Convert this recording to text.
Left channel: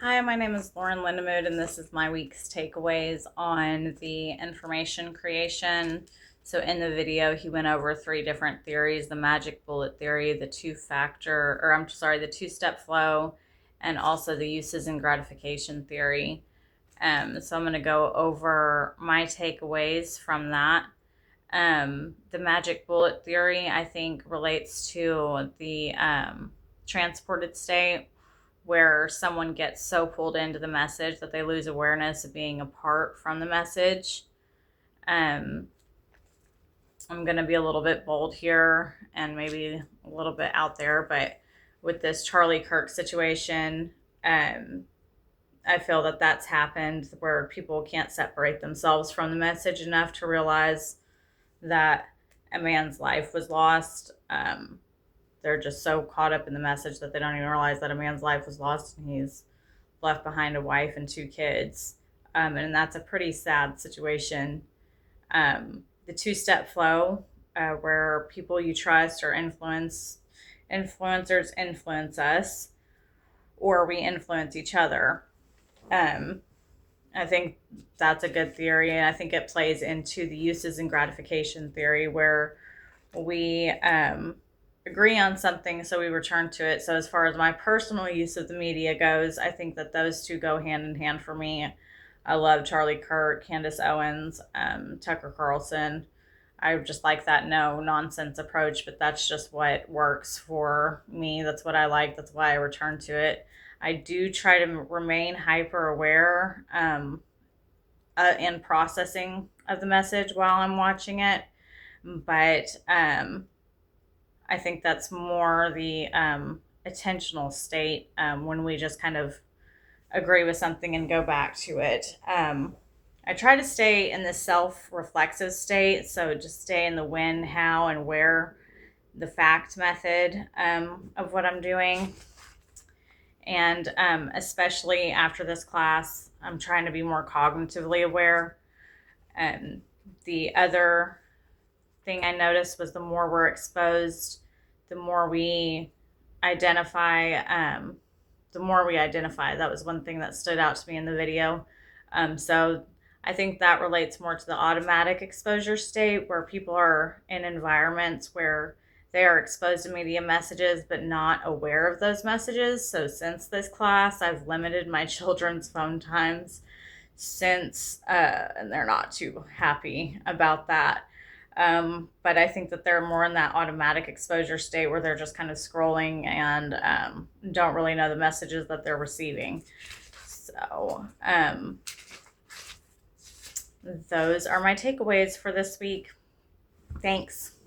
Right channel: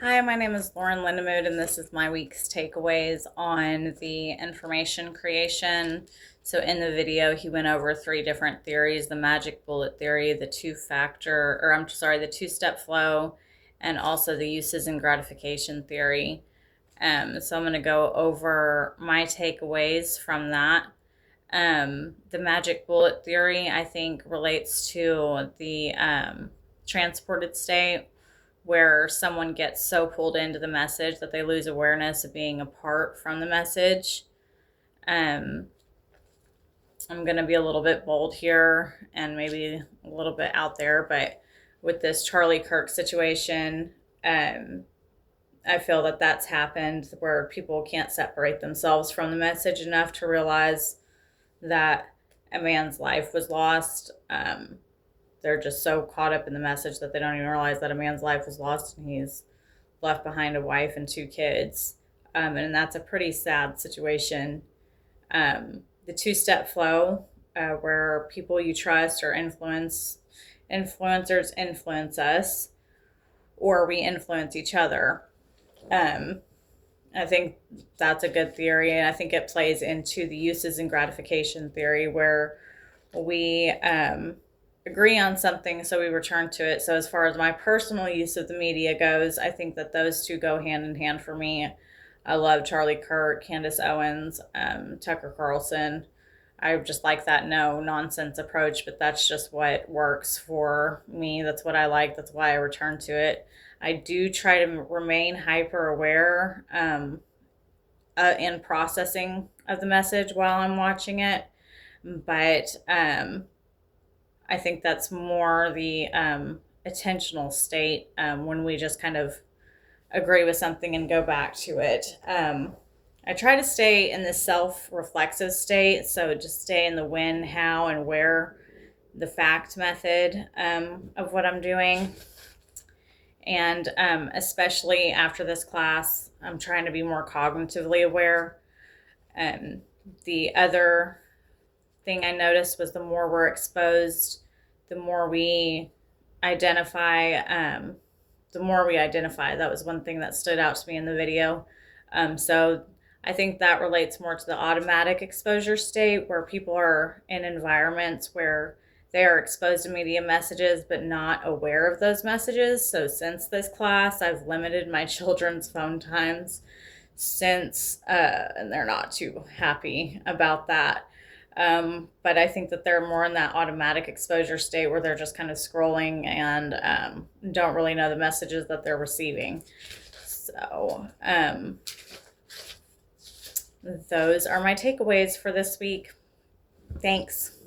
Hi, my name is Lauren Lindemood, and this is my week's takeaways on the information creation. So, in the video, he went over three different theories: the magic bullet theory, the the two-step flow, and also the uses and gratification theory. So, I'm going to go over my takeaways from that. The magic bullet theory, I think, relates to the transported state where someone gets so pulled into the message that they lose awareness of being apart from the message. Um, I'm going to be a little bit bold here and maybe a little bit out there, but with this Charlie Kirk situation, I feel that that's happened where people can't separate themselves from the message enough to realize that a man's life was lost. They're just so caught up in the message that they don't even realize that a man's life was lost and he's left behind a wife and two kids. And that's a pretty sad situation. The two-step flow, where people you trust or influencers influence us, or we influence each other. Um, I think that's a good theory, and I think it plays into the uses and gratification theory, where we agree on something, so we return to it. So, as far as my personal use of the media goes, I think that those two go hand in hand for me. I love Charlie Kirk, Candace Owens, Tucker Carlson. I just like that no nonsense approach, but that's just what works for me. That's what I like. That's why I return to it. I do try to remain hyper aware in processing of the message while I'm watching it, but I think that's more the attentional state when we just kind of agree with something and go back to it. I try to stay in the self reflexive state, so just stay in the when, how, and where, the fact method of what I'm doing. And especially after this class, I'm trying to be more cognitively aware. The other thing I noticed was the more we're exposed, the more we identify. The more we identify. That was one thing that stood out to me in the video. So I think that relates more to the automatic exposure state, where people are in environments where they are exposed to media messages but not aware of those messages. So since this class, I've limited my children's phone times and they're not too happy about that. But I think that they're more in that automatic exposure state where they're just kind of scrolling and don't really know the messages that they're receiving. So those are my takeaways for this week. Thanks.